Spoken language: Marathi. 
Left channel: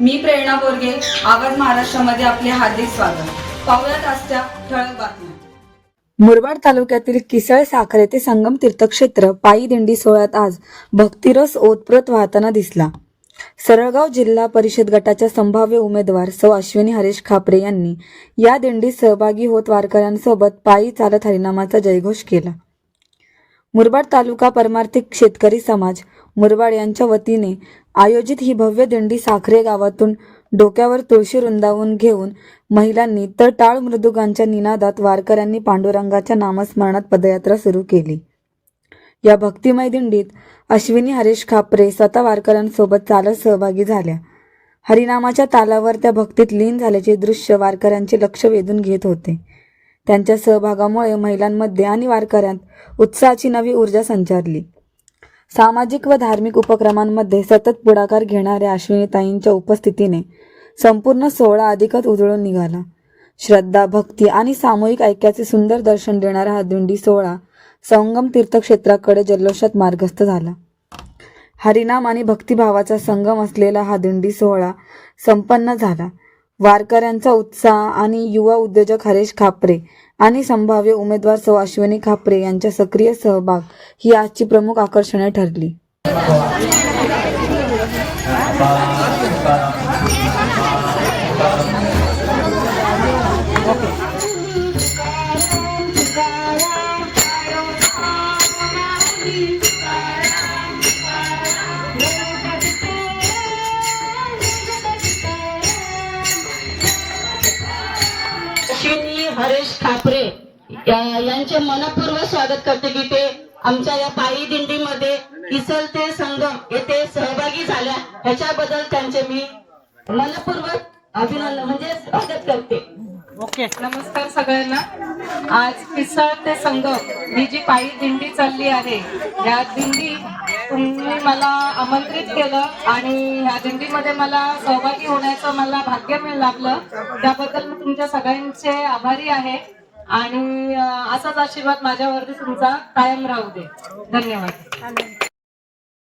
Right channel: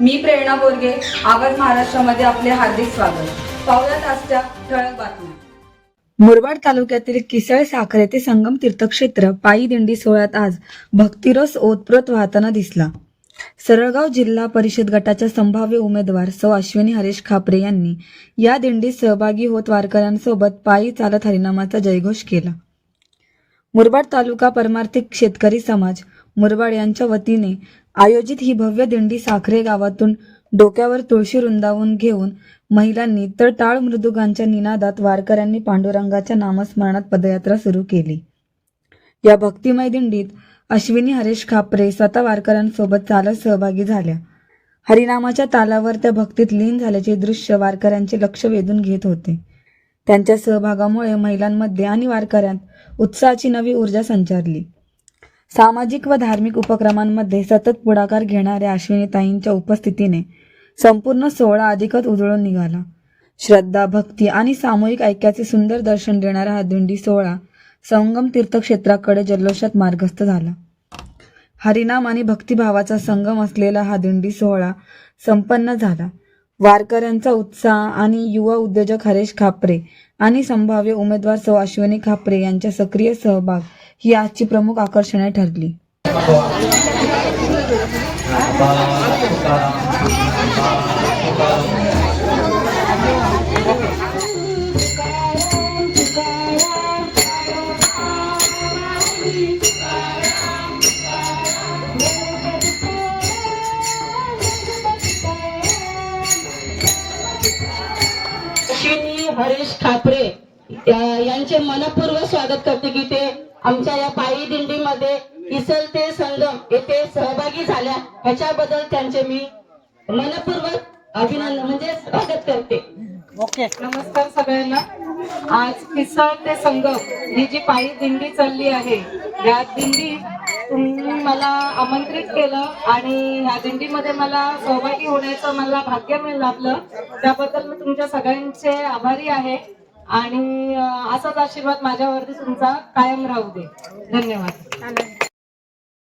मी प्रेरणा बोरगे आवाज महाराष्ट्रामध्ये आपले हार्दिक स्वागत. पाहुयात आजच्या ठळक बातम्या. मुरबाड तालुक्यातील किसळ साखर येथे संगम तीर्थक्षेत्र पायी दिंडी सोहळ्यात आज भक्तिरस ओतप्रोत वाहताना दिसला. सरळगाव जिल्हा परिषद गटाच्या संभाव्य उमेदवार सौ अश्विनी हरेश खापरे यांनी या दिंडीत सहभागी होत वारकऱ्यांसोबत पायी चालत हरिनामाचा जयघोष केला. मुरबाड तालुका परमार्थिक शेतकरी समाज मुरबाड यांच्या वतीने आयोजित ही भव्य दिंडी साखरे गावातून डोक्यावर तुळशी रुंदावून घेऊन महिलांनी तर टाळ मृदुगांच्या निनादात वारकऱ्यांनी पांडुरंगाच्या नामस्मरणात पदयात्रा सुरू केली. या भक्तिमय दिंडीत अश्विनी हरेश खापरे स्वतः वारकऱ्यांसोबत चालत सहभागी झाल्या. हरिनामाच्या तालावर त्या भक्तीत लीन झाल्याचे दृश्य वारकऱ्यांचे लक्ष वेधून घेत होते. त्यांच्या सहभागामुळे महिलांमध्ये आणि वारकऱ्यांत उत्साहाची नवी ऊर्जा संचारली. सामाजिक व धार्मिक उपक्रमांमध्ये सतत पुढाकार घेणाऱ्या अश्विनीताईंच्या उपस्थितीने संपूर्ण सोहळा अधिकच उजळून निघाला. श्रद्धा भक्ती आणि सामूहिक ऐक्याचे सुंदर दर्शन देणारा हा दिंडी सोहळा संगम तीर्थक्षेत्राकडे जल्लोषात मार्गस्थ झाला. हरिनाम आणि भक्तिभावाचा संगम असलेला हा दिंडी सोहळा संपन्न झाला. वारकऱ्यांचा उत्साह आणि युवा उद्योजक हरेश खापरे आणि संभाव्य उमेदवार सौ अश्विनी खापरे यांच्या सक्रिय सहभाग ही आजची प्रमुख आकर्षणे ठरली. हरेश ठाकरे यांचे मनपूर्वक स्वागत करते की ते आमच्या या पायी दिंडीमध्ये किसल ते संगम येथे सहभागी झाल्या. ह्याच्याबद्दल त्यांचे मी मनपूर्वक अभिनंदन म्हणजे स्वागत करते. ओके नमस्कार सगळ्यांना. आज पिसळ ते संगम ही जी पायी दिंडी चालली आहे या दिंडी तुम्ही मला आमंत्रित केलं आणि ह्या दिंडीमध्ये मला सहभागी होण्याचं मला भाग्य मिळालं. त्याबद्दल मी तुमच्या सगळ्यांचे आभारी आहे. आणि असाच आशीर्वाद माझ्यावरती तुमचा कायम राहू दे. धन्यवाद.